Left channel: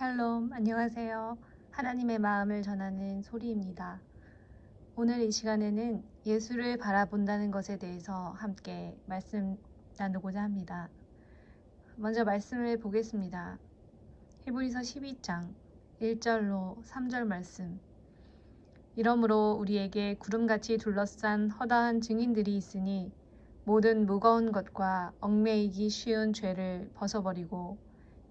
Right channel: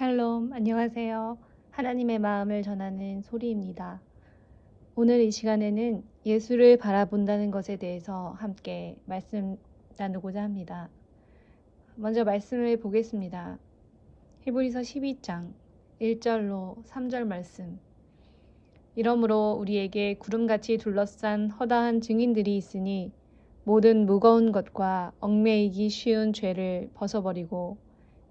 샬롬, 안녕하세요. 하나님의 마음을 전하는 소리입니다. 오늘 이 시간에는 예수를 바라본다는 것에 대해서 함께 말씀 나누고자 합니다. 먼저 말씀을 보겠습니다. 히브리서 12장 1절로 3절 말씀. 이러므로 우리에게 구름같이 둘러싼 허다한 증인들이 있으니 모든 무거운 것과 얽매이기 쉬운 죄를 벗어버리고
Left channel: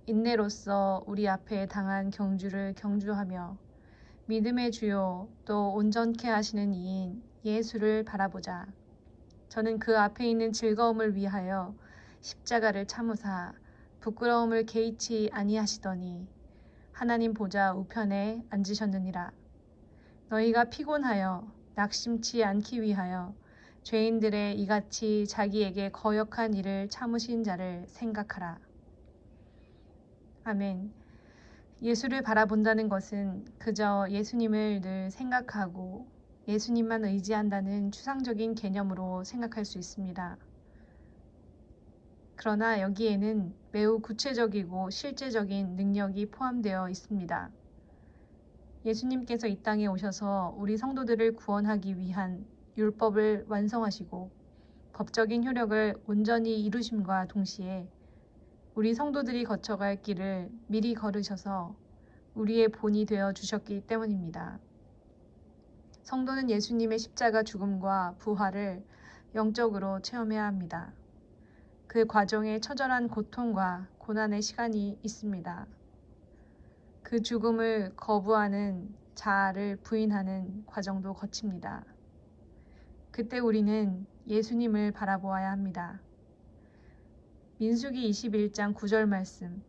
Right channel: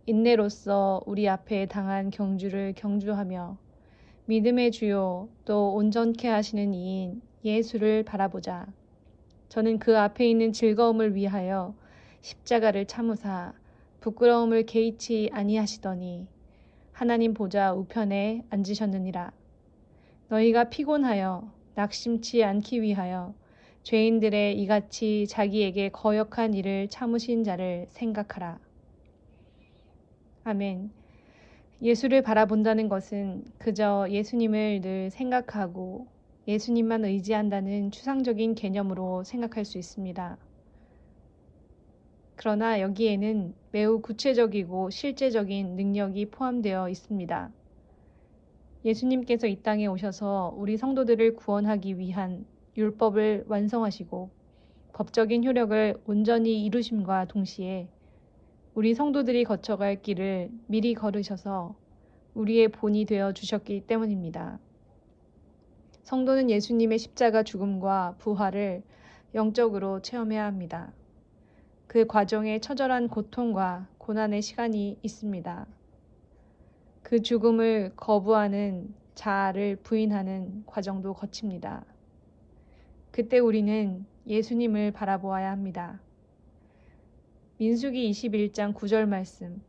인내로써 우리 앞에 당한 경주를 경주하며 믿음의 주요 또 온전케 하시는 이인 예수를 바라보자. 저는 그 앞에 있는 즐거움을 위하여 십자가를 참으사 부끄러움을 개의치 아니하시더니 하나님 보좌 우편에 앉으셨느니라. 너희가 피곤하여 낙심치 않기 위하여 죄인들의 이같이 자기에게 거역한 일을 참으신 자를 생각하라. 아멘. 예수를 바라본다는 것은 그저 예수님을 늘 생각하고 예수님만 의지한다는 추상적인 개념으로 생각할 수 있습니다. 그러나 여기에는 매우 구체적이고 실제적인 능력이 포함되어 있습니다. 예수님께서 이 땅에 오셔서 우리 성도들을 구원하기 위한 율법을 완성하시고 법적인 효력을 온전히 이루심과 동시에 우리 성도들이 거쳐갈 길을 미리 걸으셔서 우리의 본이 되어 주셨기 때문입니다. 성도는 예수님의 십자가 죽음과 부활을 영적으로 체험해야 합니다. 그 과정에 처절한 고통과 고난의 시간이 있습니다. 그 죽음을 거부하는 자아를 부인하는 과정도 거칩니다. 그때 우리는 예수님을 바라보아야 합니다. 민수기 21장 9절 말씀.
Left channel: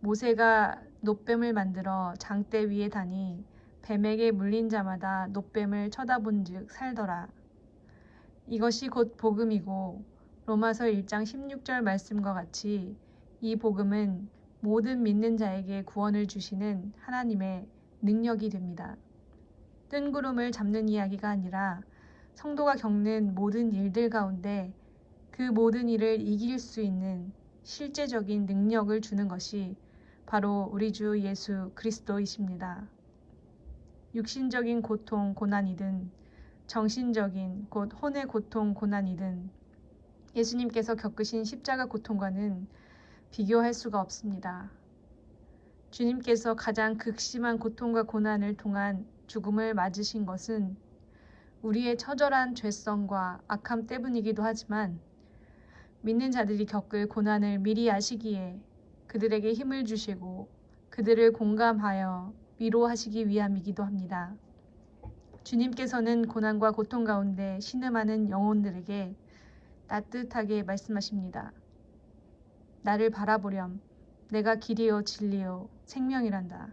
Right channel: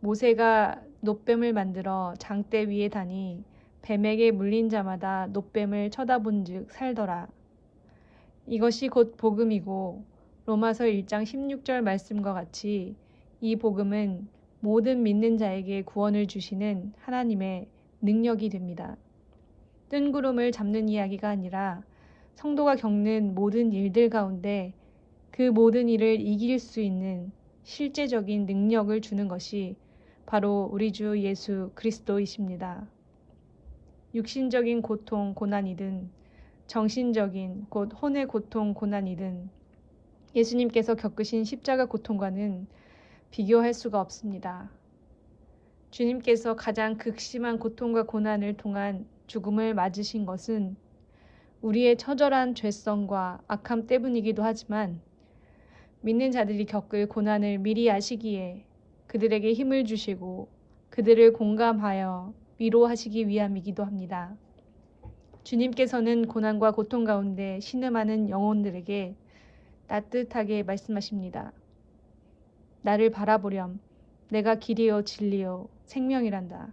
모세가 놋뱀을 만들어 장대 위에 다니 뱀에게 물린 자마다 놋뱀을 쳐다본즉 살더라. 이것이 곧 복음이고 로마서 1장 16절 말씀과 같이 이 복음은 모든 믿는 자에게 구원을 주시는 하나님의 능력이 됩니다. 뜬구름을 잡는 이야기가 아니라 성도가 겪는 모든 일들 가운데 그 모든 일을 이길 수 있는 실제적인 능력을 주는 것이 바로 우리 주 예수 그리스도이십니다. 육신적인 고통, 고난이든 정신적인 곧 혼의 고통, 고난이든 예수님께서 겪으신 십자가 고통과는 비교할 수가 없습니다. 주님께서 가장 극심한 고통과 고난을 통한 죽음을 맞으신 것은 우리의 처절한 죄성과 악함 때문이기도 하지만 믿는 자들이 겪을 고난을 미리 아시기에 그들에게 힘을 주시고 그들을 공감하여 위로하시기 위함이기도 합니다. 주님께서는 고난과 고통 가운데 신음하는 영혼들에게 따뜻하게 말씀하십니다. 나를 바라보렴. 내가 길이요 진리요 생명이란다.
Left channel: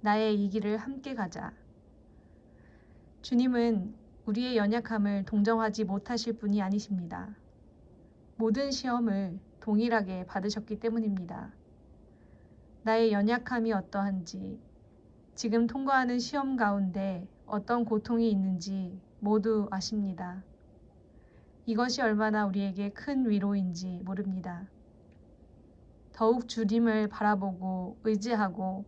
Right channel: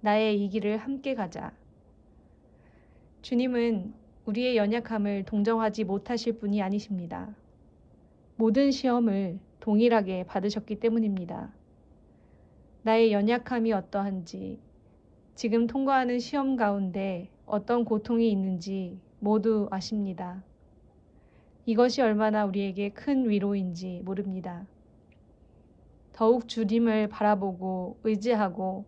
나의 이 길을 함께 가자. 주님은 우리의 연약함을 동정하지 못하실 분이 아니십니다. 모든 시험을 동일하게 받으셨기 때문입니다. 나의 연약함이 어떠한지, 지금 통과하는 시험 가운데 어떤 고통이 있는지 모두 아십니다. 이것이 얼마나 우리에게 큰 위로인지 모릅니다. 더욱 주님을 바라보고 의지하고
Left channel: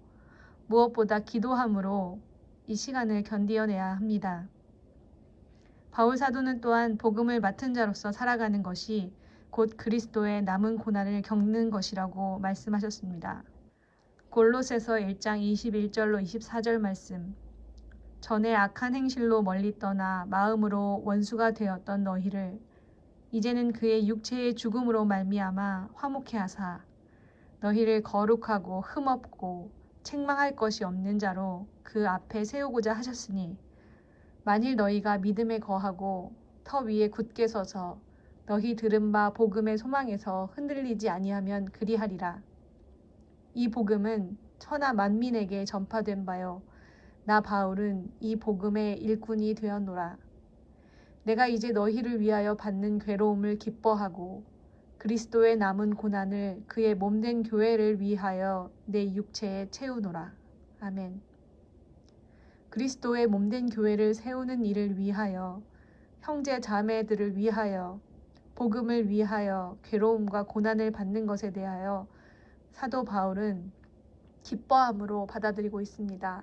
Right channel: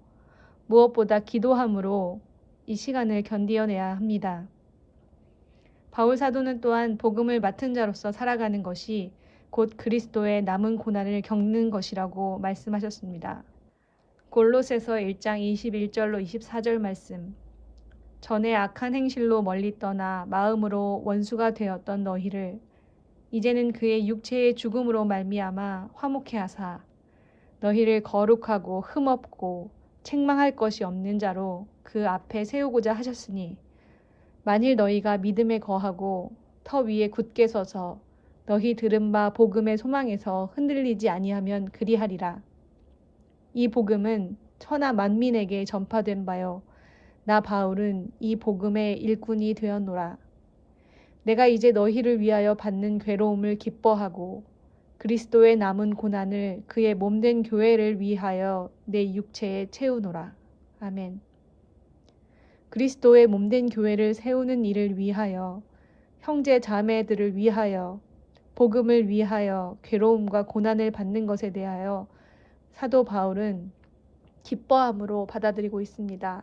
무엇보다 기도함으로 이 시간을 견디어내야 합니다. 바울 사도는 또한 복음을 맡은 자로서 살아가는 것이 곧 그리스도의 남은 고난을 겪는 것이라고 말씀하셨습니다. 골로새서 1장 21절로 24절 말씀. 전에 악한 행실로 멀리 떠나 마음으로 원수가 되었던 너희를 이제는 그의 육체의 죽음으로 말미암아 화목케 하사 너희를 거룩하고 흠없고 책망할 것이 없는 자로 그 앞에 세우고자 하셨으니 만일 너희가 믿음에 거하고 터 위에 굳게 서서 너희 들은 바 복음의 소망에서 흔들리지 아니하면 그리하리라. 이 복음은 천하 만민에게 전파된 바요 나 바울은 이 복음의 일꾼이 되었노라. 내가 이제 너희를 위하여 받는 괴로움을 기뻐하고 그리스도의 남은 고난을 그의 몸된 교회를 위하여 내 육체에 채우노라. 아멘. 그리스도의 몸된 교회를 세우는 일을 위하여 형제 자매들을 위하여 복음을 위하여 괴로움과 고난을 받는 것에 대하여 사도 바울은 기뻐함으로 받아들이고 있습니다.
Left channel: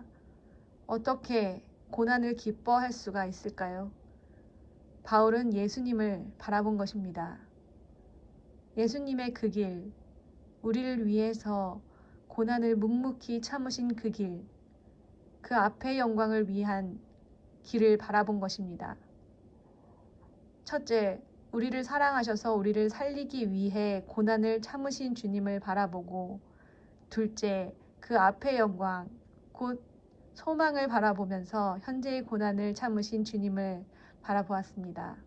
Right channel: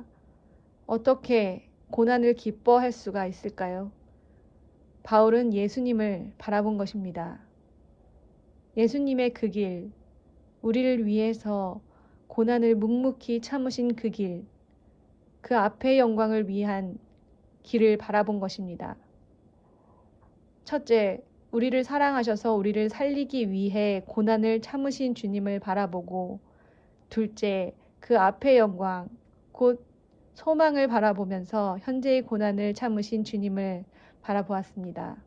어떻게 고난을 기뻐할 수가 있을까요? 바울은 예수님을 바라본 것입니다. 예수님의 그 길, 우리를 위해서 고난을 묵묵히 참으신 그 길, 그 앞의 영광을 위한 길을 바라본 것입니다. 첫째, 우리를 사랑하셔서 우리를 살리기 위해 고난을 참으신 주님을 바라보고, 둘째, 그 앞의 영광, 곧 소망을 바라보면서 현재의 고난을 참으신 주님을 바라보았습니다.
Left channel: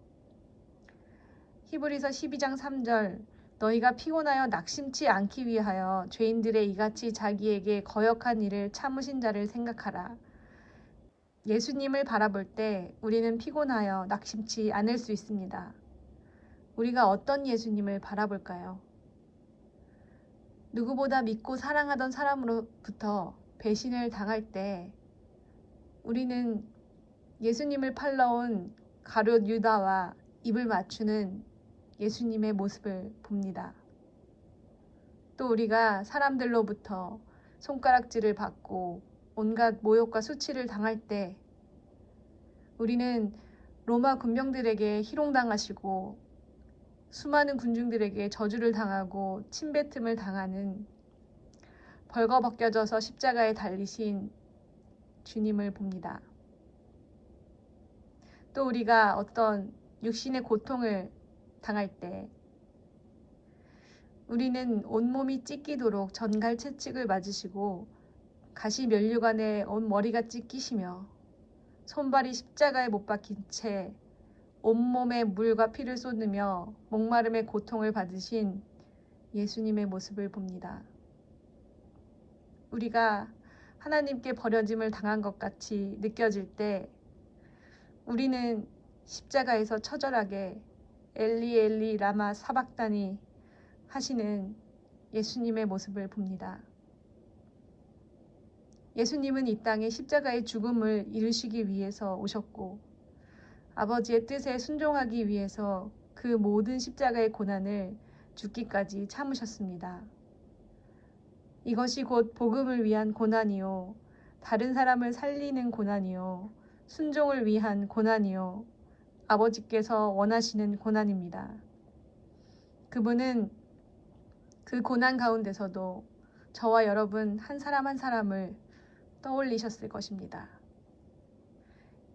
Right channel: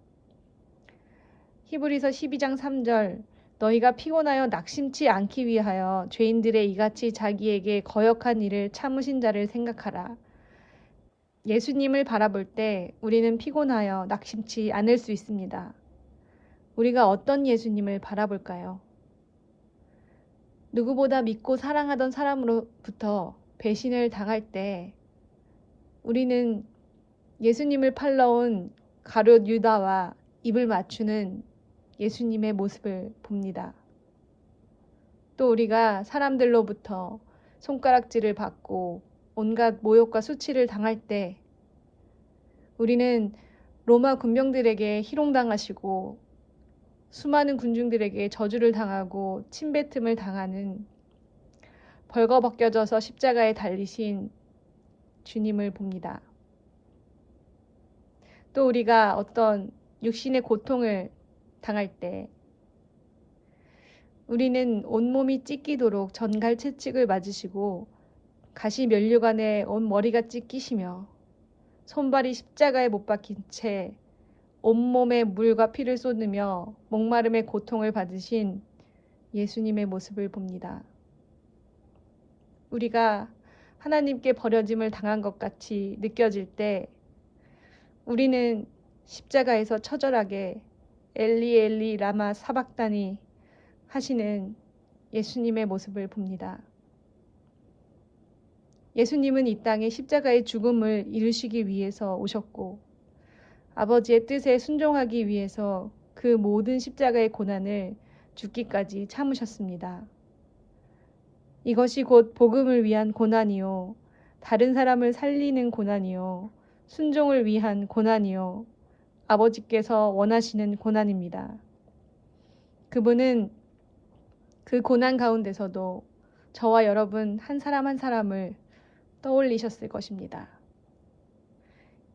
히브리서 12장 3절, 너희가 피곤하여 낙심치 않기 위하여 죄인들의 이같이 자기에게 거역한 일을 참으신 자를 생각하라. 예수님을 바라볼 때 우리는 피곤하여 낙심치 않을 수 있습니다. 우리가 어떤 예수님을 바라볼까요? 누구보다 믿고 사랑하던 사람으로부터 배신을 당할 때 우리는 예수님을 팔러온 가룟 유다와 입을 맞추는 예수님의 모습을 봅니다. 또 우리가 사람들로부터 손가락질을 받고 온갖 모욕과 수치를 당할 때 우리는 로마 군병들에게 희롱당하시고 수많은 군중들에게 저주를 당하고 침뱉음을 당하는 벌거벗겨져서 십자가에 달리신 주님을 봅니다. 또 우리가 어떤 육신의 고통을 당할 때 우리는 온몸이 찢기도록 전갈 채찍을 맞으시고 가시 면류관에 온 머리가 찢기시며 손발이 십자가에 못 박힌 채 온몸에 물과 피를 쏟으며 목마름의 고통을 받으신 예수님의 모습을 봅니다. 우리가 하나님께 버려짐을 당한 것 같이 느껴질 때 우리는 십자가에서 처절하게 엘리 엘리 라마 사박다니 하시는 예수님의 모습을 봅니다. 예수님은 이 땅에 십자가의 죽음을 이루시기 위해서 오셨고 아버지의 뜻에 순종하기 위해서 그 모든 십자가의 고난을 죽기까지 참으셨습니다. 이것이 곧 복음을 위한 고난이요, 다른 사람을 살리는 고난이요, 순종을 위한 고난이요, 아버지께서 원하시는 고난입니다. 그분은 그 고난 가운데서도 저와 여러분 한 사람 한 사람을 떠올리셨을 것입니다.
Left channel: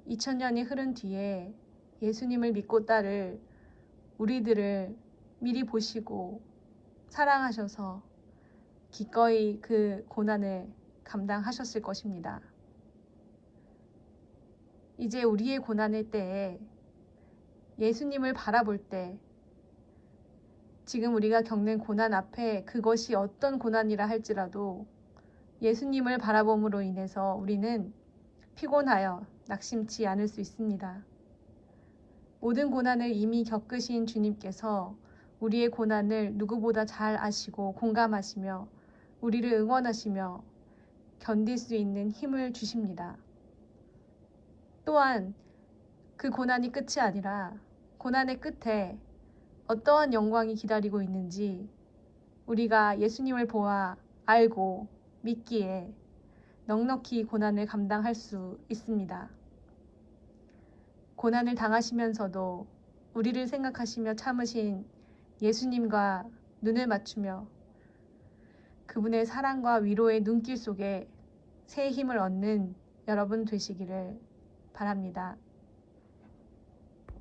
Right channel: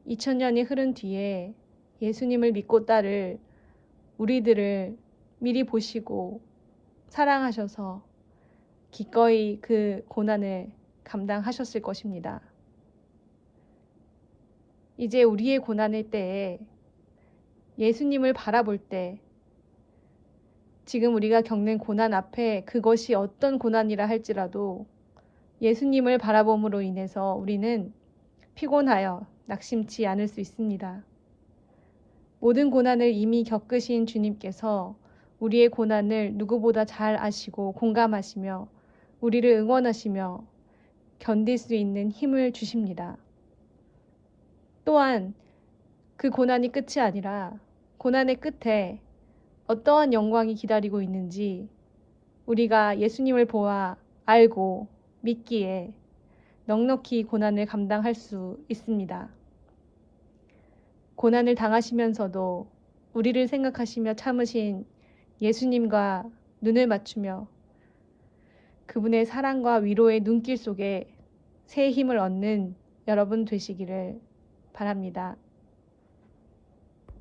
2000년이 흐른 뒤에 예수님을 믿고 따를 우리들을 미리 보시고 사랑하셔서 기꺼이 그 고난을 감당하셨을 것입니다. 이제 우리의 고난의 때에 예수님을 바라볼 때 지금 우리가 겪는 고난 앞에 그것이 어떤 고난이라 할지라도 예수님을 바라봄으로 인해서 우리는 피곤하여 낙심치 않을 수 있습니다. 모든 고난을 이미 겪으신 주님께서 우리의 고난을 누구보다 잘 아시고 공감하시며 우리를 응원하시며 견딜 수 있는 힘을 주십니다. 또한 그 고난이 끝이 아니라 고난의 끝에 어떠한 영광이 기다리고 있는지 우리가 예수님을 보아 알고 믿기에 넉넉히 고난을 감당할 수 있습니다. 고난을 당하시면서도 우리를 생각하시며 참으신 예수님과 눈을 맞추며 그분의 사랑과 위로의 눈길 속에 새 힘을 얻는 여러분 되시기를 바랍니다.